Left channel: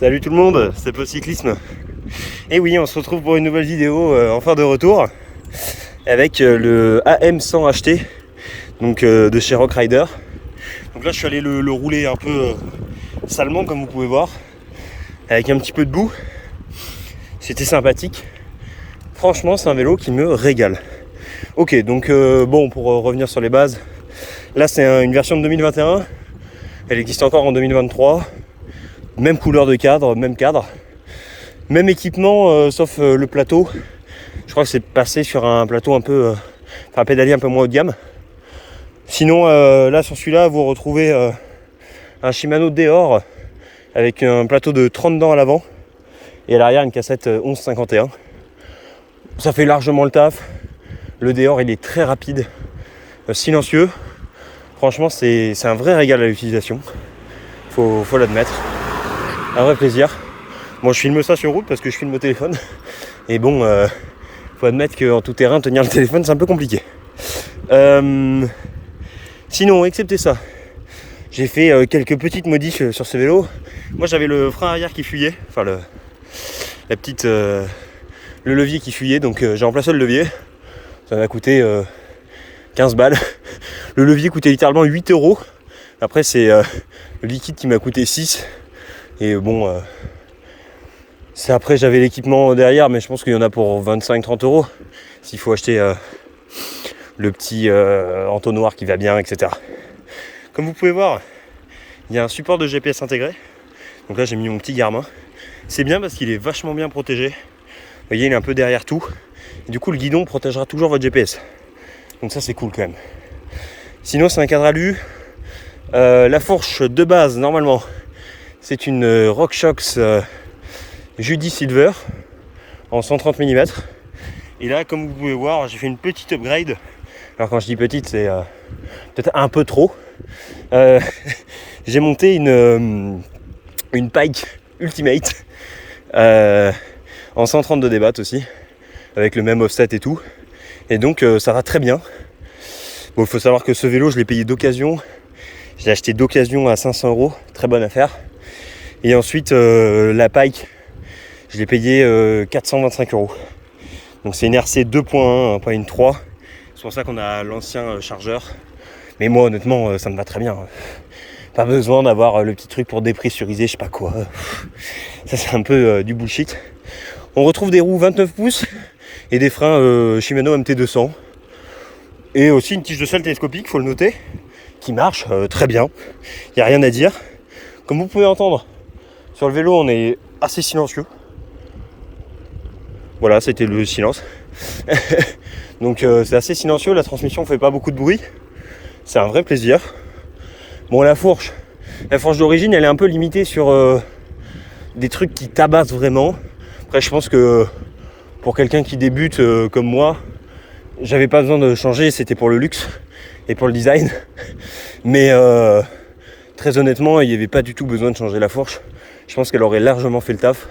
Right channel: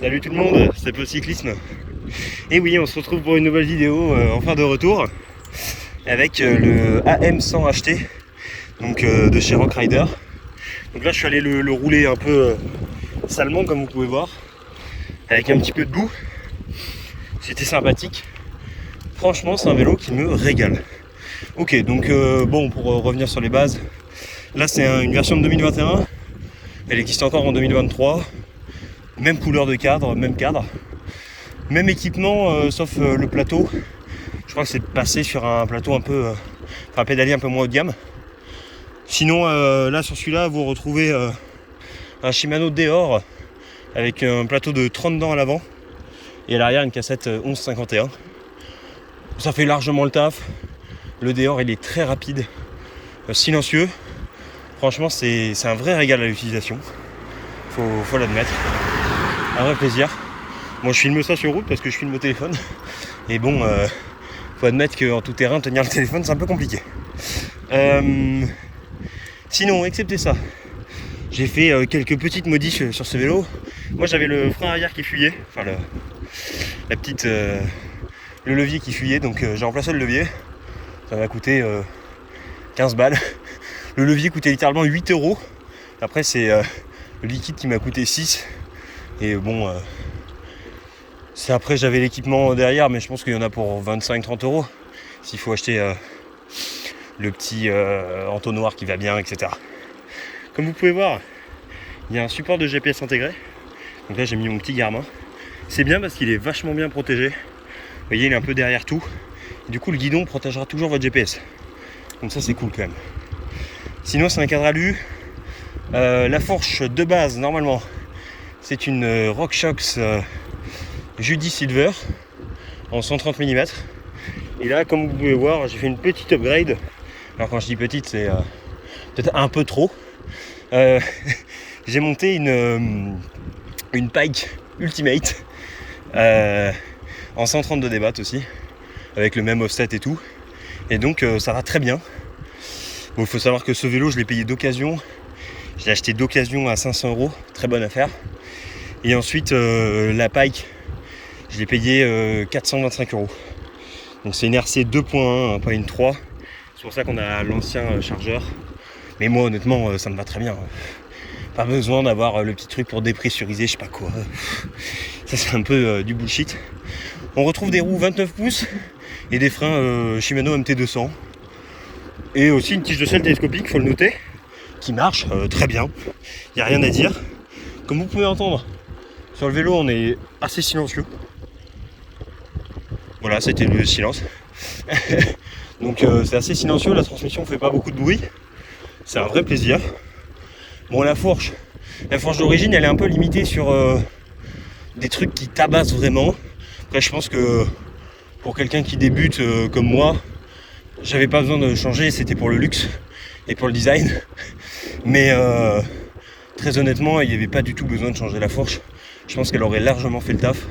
Salut tout le monde, c'est Peu Cyclisme. Et oui, on se retrouve pour une nouvelle vidéo enfin de retour avec le AM100 HT donc, de chez Rock Rider. Donc là je suis allé le rouler un peu salement comme vous pouvez voir, avec un petit peu de boue. C'était sympathique. Franchement c'est un vélo qui me régale. Ok, donc bon, pour revenir sur les bases, là c'est une version de 2021. Elle existe encore en 2023. Même couleur de cadre, même équipement, sauf le plateau. Je crois que c'est passé sur un plateau un peu, un pédalier un peu moins haut de gamme. Sinon, là sur celui-là, vous retrouvez un Shimano Deore avec un plateau de 30 dents à l'avant et à l'arrière une cassette 1151. Ça fait largement le taf. Le Deore il est très rapide, silencieux. Franchement, c'est un vrai régal à l'utilisation. Faut l'admettre. Un vrai plaisir. Moi je filme ça sur route parce que je filme au téléphone. Et bon, faut admettre qu'en tout terrain, tenir le téléphone c'est un peu compliqué. Sinon, excepté ça, j'ai fait quelques petites modifs sur ce vélo. Moi j'avais le frein arrière qui fuyait, enfin le levier qui fuyait, donc j'ai remplacé le levier. Ça m'a coûté 15 balles. Le levier coûtait littéralement 8 €. Après c'est le liquide qui m'a coûté 6. Et bon, après j'avais l'équipement derrière, mais je pense qu'il y en a pour 25-30 € s'il faut acheter le petit entonnoir qui va bien, etc. Comme vous pouvez voir, il y a un support de GPS intégré. Donc là j'ai mis mon petit Garmin. C'est bien parce qu'il est vachement bien protégé. Vous voyez, il est un peu derrière tout. Et du coup le guidon protégera toujours votre GPS. Donc ça c'est cool quand même. Sinon c'est un cadre alu. La fourche de base normalement c'est une RockShox Judy Silver en 130 mm. Et là, comme vous pouvez voir, j'ai fait une petite upgrade. Alors quand je dis petite, c'est peut-être un peu trop. J'ai monté une Pike Ultimate en 132 débat aussi, avec le même offset et tout. Et donc ça va très bien. Bon, il faut savoir que ce vélo, je l'ai payé d'occasion. Je l'ai acheté d'occasion à 500 €, très bonne affaire. Et ensuite, la Pike, je l'ai payé 425 €. Donc c'est une RC 2.1, pas une 3. C'est pour ça qu'on a l'ancien chargeur. Mais moi honnêtement, ça me va très bien. Pas besoin d'avoir le petit truc pour dépressuriser, je sais pas quoi. Ça c'est un peu du bullshit. On retrouve des roues 29 pouces et des freins Shimano MT200. Et aussi une tige de selle télescopique, faut le noter, qui marche très bien. Il n'y a rien à dire. Comme vous pouvez entendre, sur le vélo on est assez silencieux. Voilà, c'était le silence. Donc c'est assez silencieux, la transmission fait pas beaucoup de bruit. C'est un vrai plaisir. Bon, la fourche d'origine elle est un peu limitée sur des trucs qui tabassent vraiment. Après je pense que pour quelqu'un qui débute comme moi, j'avais pas besoin de changer, c'était pour le luxe et pour le design. Mais très honnêtement, il n'y avait pas du tout besoin de changer la fourche. Je pense qu'elle aurait largement fait le taf.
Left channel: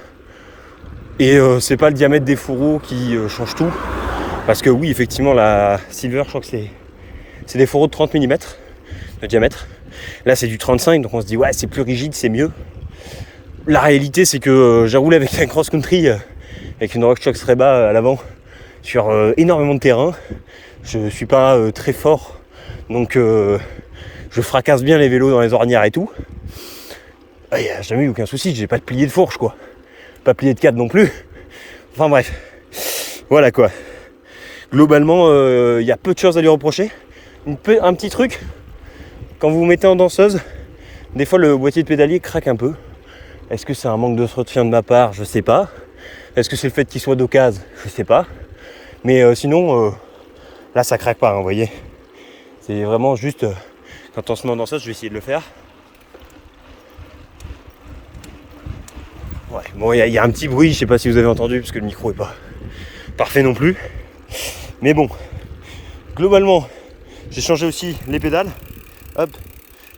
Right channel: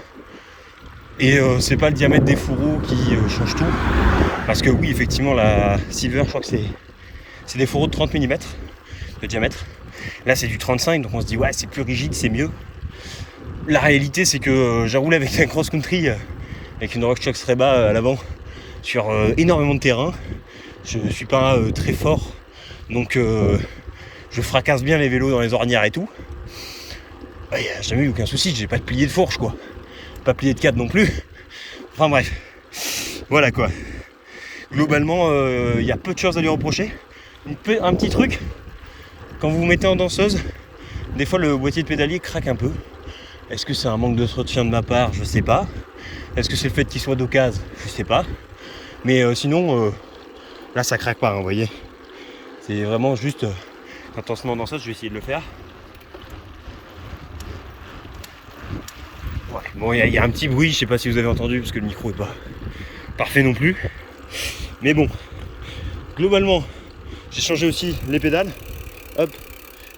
Et c'est pas le diamètre des fourreaux qui change tout. Parce que oui, effectivement, la Silver, je crois que c'est des fourreaux de 30 mm de diamètre. Là, c'est du 35, donc on se dit, ouais, c'est plus rigide, c'est mieux. La réalité, c'est que j'ai roulé avec un cross-country, avec une RockShox Reba à l'avant, sur énormément de terrain. Je suis pas très fort, donc je fracasse bien les vélos dans les ornières et tout. Il n'y a jamais eu aucun souci, j'ai pas de plié de fourche, quoi. Pas plié de cadre non plus. Enfin bref, voilà quoi. Globalement, y a peu de choses à lui reprocher. Un petit truc, quand vous vous mettez en danseuse, des fois le boîtier de pédalier craque un peu. Est-ce que c'est un manque de soutien de ma part? Je sais pas. Est-ce que c'est le fait qu'il soit d'occasion? Je sais pas. Mais sinon, là ça craque pas, hein, vous voyez. C'est vraiment juste, quand on se met en danseuse, je vais essayer de le faire. Ouais, bon, il y a un petit bruit, je sais pas si vous avez entendu, parce que le micro est pas parfait non plus. Mais bon, globalement, j'ai changé aussi les pédales. Hop,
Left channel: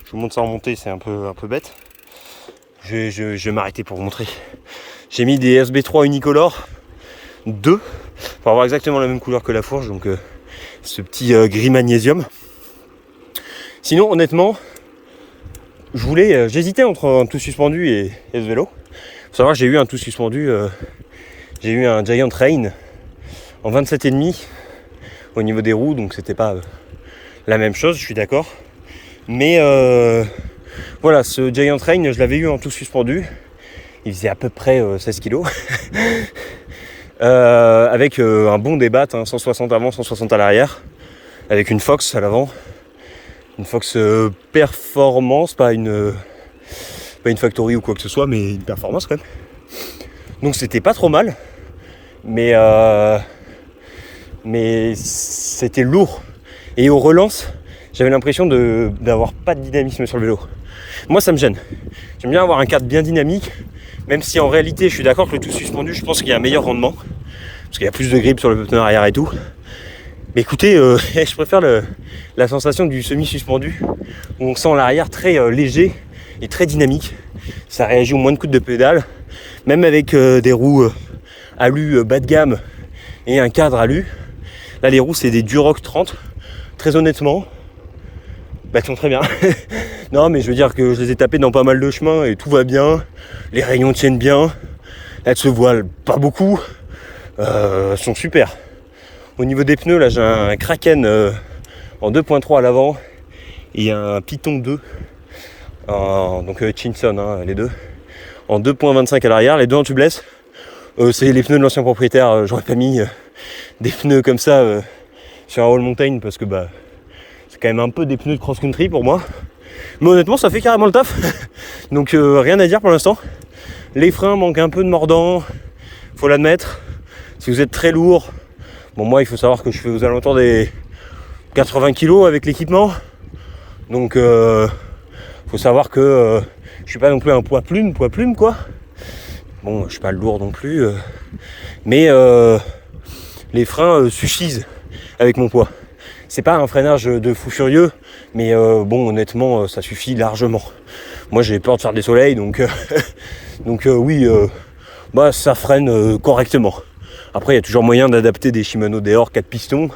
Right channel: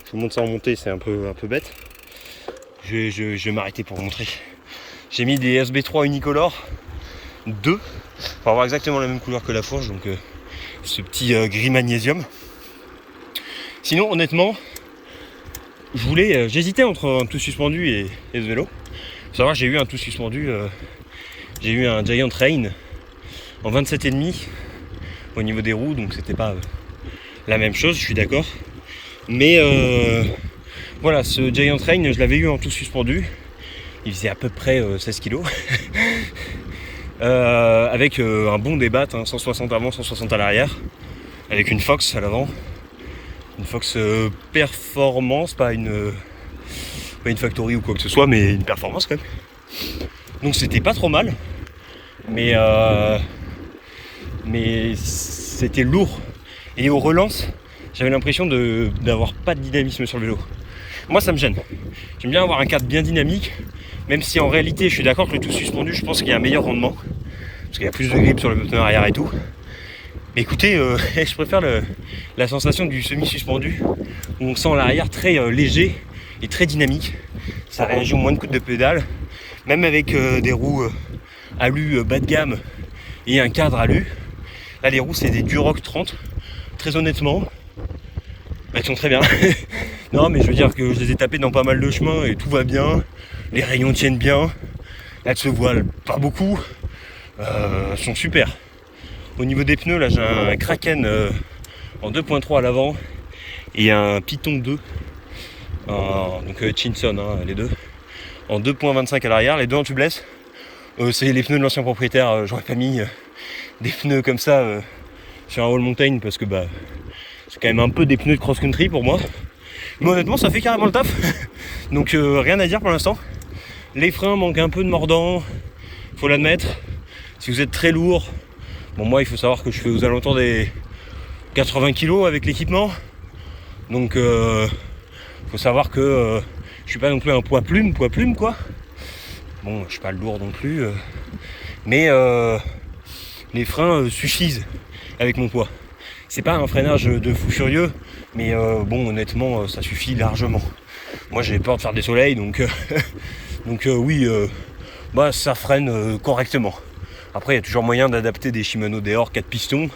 je vous montre ça en montée, c'est un peu bête. Je vais m'arrêter pour vous montrer. J'ai mis des SB3 Unicolor 2 pour avoir exactement la même couleur que la fourche, donc ce petit gris magnésium. Sinon, honnêtement, j'hésitais entre un tout suspendu et ce vélo. Faut savoir que j'ai eu un tout suspendu, j'ai eu un Giant Rain en 27,5 au niveau des roues, donc c'était pas la même chose, je suis d'accord. Mais voilà, ce Giant Rain, je l'avais eu en tout suspendu. Il faisait à peu près 16 kg. Avec un bon débat, 160 avant, 160 à l'arrière. Avec une Fox à l'avant. Une Fox performance, pas une factory ou quoi que ce soit, mais une performance quand même. Donc c'était pas trop mal. Mais c'était lourd. Et aux relances, j'avais l'impression d'avoir pas de dynamisme sur le vélo. Moi ça me gêne. J'aime bien avoir un cadre bien dynamique, même si en réalité je suis d'accord que le tout suspendu, je pense qu'il y a un meilleur rendement. Parce qu'il y a plus de grip sur le pneu arrière et tout. Mais écoutez, je préfère la sensation du semi-suspendu, où on sent l'arrière très léger et très dynamique. Ça réagit au moins de coups de pédale, même avec des roues alu bas de gamme et un cadre alu. Là les roues c'est des Duroc 30, très honnêtement, elles sont très bien. Non mais je veux dire que je les ai tapées dans pas mal de chemins et tout va bien, les rayons tiennent bien, elles se voilent pas beaucoup, elles sont super. Au niveau des pneus là j'ai un Kraken en 2.3 à l'avant et un Python 2, donc Chinson les deux, en 2.25 à l'arrière, les deux en tubeless. C'est les pneus de l'ancien propriétaire, j'aurais pas mis des pneus comme ça sur un All Mountain parce que c'est quand même un peu des pneus de cross-country pour moi. Mais honnêtement ça fait carrément le taf. Donc rien à dire pour l'instant. Les freins manquent un peu de mordant, faut l'admettre. Si vous êtes très lourd, bon moi il faut savoir que je fais aux alentours des 80 kg avec l'équipement. Donc faut savoir que je suis pas non plus un poids plume quoi. Bon je suis pas lourd non plus. Mais les freins suffisent avec mon poids. C'est pas un freinage de fou furieux, mais bon honnêtement ça suffit largement. Moi j'ai peur de faire des soleils donc oui ça freine correctement. Après il y a toujours moyen d'adapter des Shimano Deore 4 pistons.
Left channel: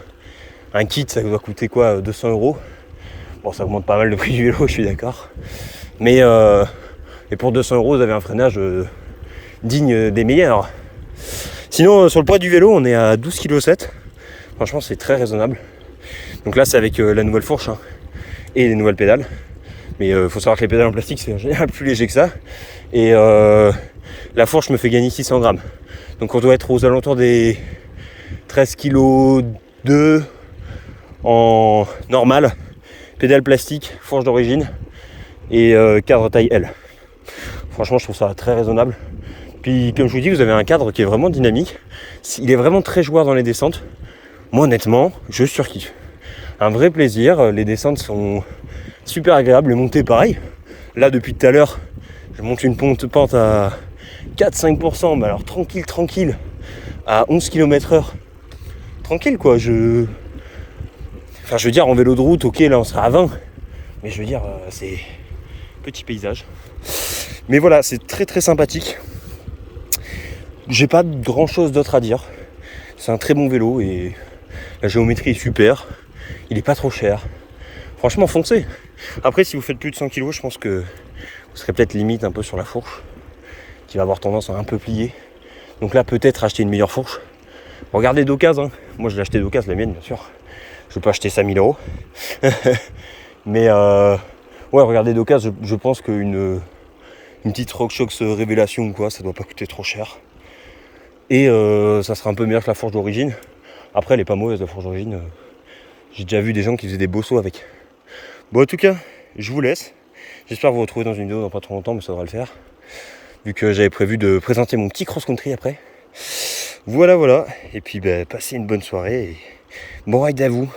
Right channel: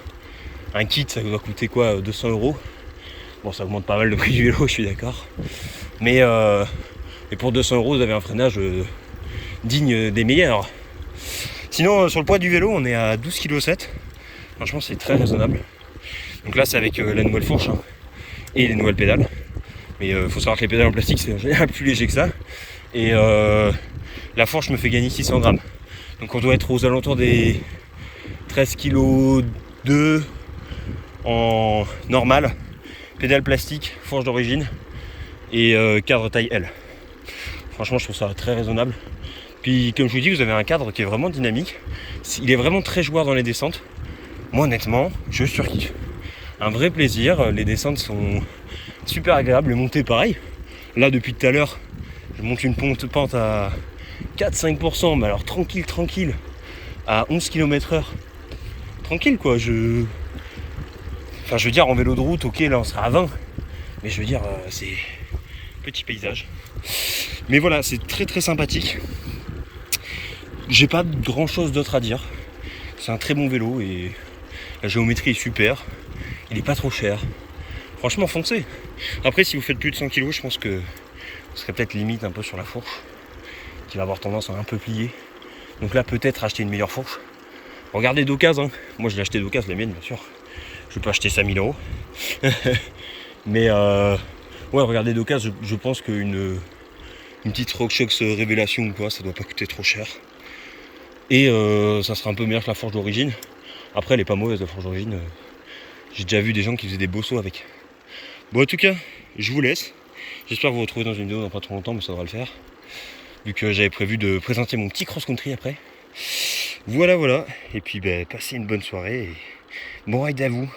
Un kit ça doit coûter quoi, 200 €. Bon ça augmente pas mal le prix du vélo, je suis d'accord. Mais pour 200 € vous avez un freinage digne des meilleurs. Sinon sur le poids du vélo on est à 12,7 kg. Franchement c'est très raisonnable. Donc là c'est avec la nouvelle fourche et les nouvelles pédales. Mais faut savoir que les pédales en plastique c'est en général plus léger que ça. Et la fourche me fait gagner 600 grammes. Donc on doit être aux alentours des 13,2 kg en normal. Pédale plastique, fourche d'origine et cadre taille L. Franchement je trouve ça très raisonnable. Puis comme je vous dis vous avez un cadre qui est vraiment dynamique. Il est vraiment très joueur dans les descentes. Moi honnêtement je surkiffe. Un vrai plaisir, les descentes sont super agréables, les montées pareil. Là depuis tout à l'heure je monte une pente à 4-5%, mais alors tranquille, à 11 km/h. Tranquille quoi, je veux dire en vélo de route, ok là on sera à 20. Mais je veux dire c'est petit paysage. Mais voilà, c'est très très sympathique. J'ai pas grand chose d'autre à dire. C'est un très bon vélo et la géométrie est super. Il est pas trop cher. Franchement foncez. Après si vous faites plus de 100 kg, je pense que ce serait peut-être limite un peu sur la fourche, qui va avoir tendance à un peu plier. Donc là peut-être acheter une meilleure fourche. Regardez d'occasion, moi je l'ai acheté d'occasion, la mienne bien sûr. Je peux acheter 5000 €. Mais ouais regardez d'occasion, je pense qu'une petite RockShox Révélation ou quoi, ça doit pas coûter trop cher. Et ça sera un peu meilleur que la fourche d'origine. Après elle est pas mauvaise la fourche d'origine. J'ai déjà vu des gens qui faisaient des beaux sauts avec. Bon en tout cas, je vous laisse. J'espère vous retrouver dans une vidéo dans pas trop longtemps, mais ça devrait le faire. Vu que j'avais prévu de présenter mon petit cross-country après. Voilà. Et puis passez une bonne soirée et bon ride à vous.